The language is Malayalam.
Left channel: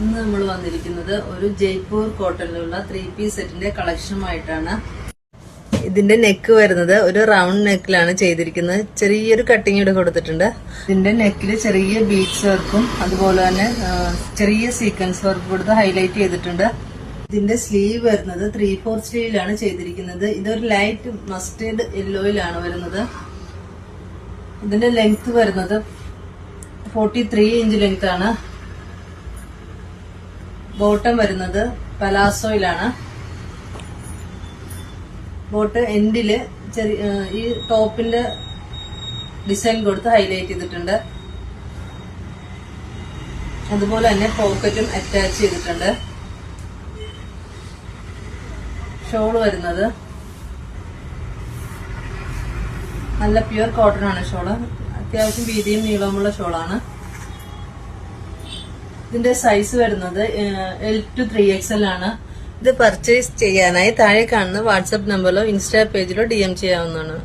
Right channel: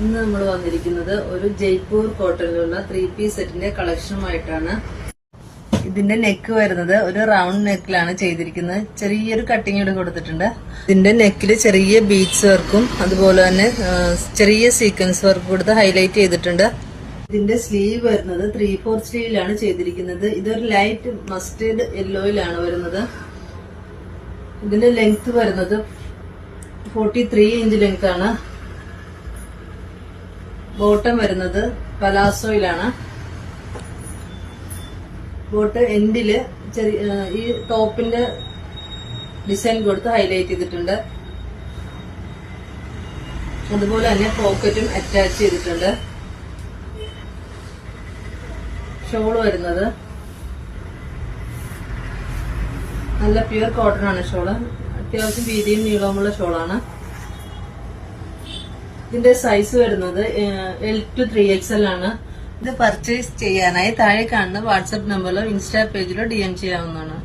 ഇന്ന് നമ്മൾ വന്നിരിക്കുന്നത് ഒരു ജയ്പൂർ കോട്ടണിലുള്ള 3-piece സെറ്റിന്റെ കളക്ഷനുമായിട്ടാണ്. ഇതിന്റെ നെക്ക് വരുന്നത് ഒരു റൗണ്ട് നെക്കിലാണ് ചെയ്തിരിക്കുന്നത്. ചെറിയൊരു കട്ടിങ് ഇവിടെ കൊടുത്തിട്ടുണ്ട്. ഇതിന്റെ നെക്കിൽ ചെറിയ ബീഡ്സ് വർക്കും അതുപോലെ തന്നെ ചെറിയ സീക്വൻസ് വർക്ക് കൊടുത്ത് ഹൈലൈറ്റ് ചെയ്തിട്ടുണ്ട്. ഇതിന്റെ സ്ലീവ് വരുന്നത് 3/4 സ്ലീവിലാണ് ചെയ്തിരിക്കുന്നത്. ഇതൊരു ലൈറ്റ് മസ്റ്റേർഡ് യെല്ലോയിലാണ് വരുന്നത്. ഇതിന്റെ ലെങ്ത് വരുന്നത് 43 ഇഞ്ച് ലെങ്ത് ആണ്. ബോട്ടം വരുന്നത് പലാസോയിലാണ്. ബോട്ട് എൻഡില് ഈ ടോപ്പിന്റെ ഡിസൈൻ കൊടുത്ത് ഹൈലൈറ്റ് ചെയ്തിട്ടുണ്ട്. അതുപോലെ തന്നെ പോക്കറ്റും അറ്റാച്ച് ചെയ്തിട്ടുണ്ട്. ഷോൾ വരുന്നത് നല്ല പ്യുവർ കോട്ടൺ ആണ്. ഷോള് അത്യാവശ്യം വീതിയും നീളമുള്ള ഷോളാണ്. ഇതിന്റെ സൈസ് വരുന്നത് L to 3XL ആണ്. ഇത് പർച്ചേസ് ചെയ്യാനായി താഴെ കാണുന്ന വാട്സ്ആപ്പ് നമ്പറിലോ ഇൻസ്റ്റാ പേജിലോ DM ചെയ്യാവുന്നതാണ്.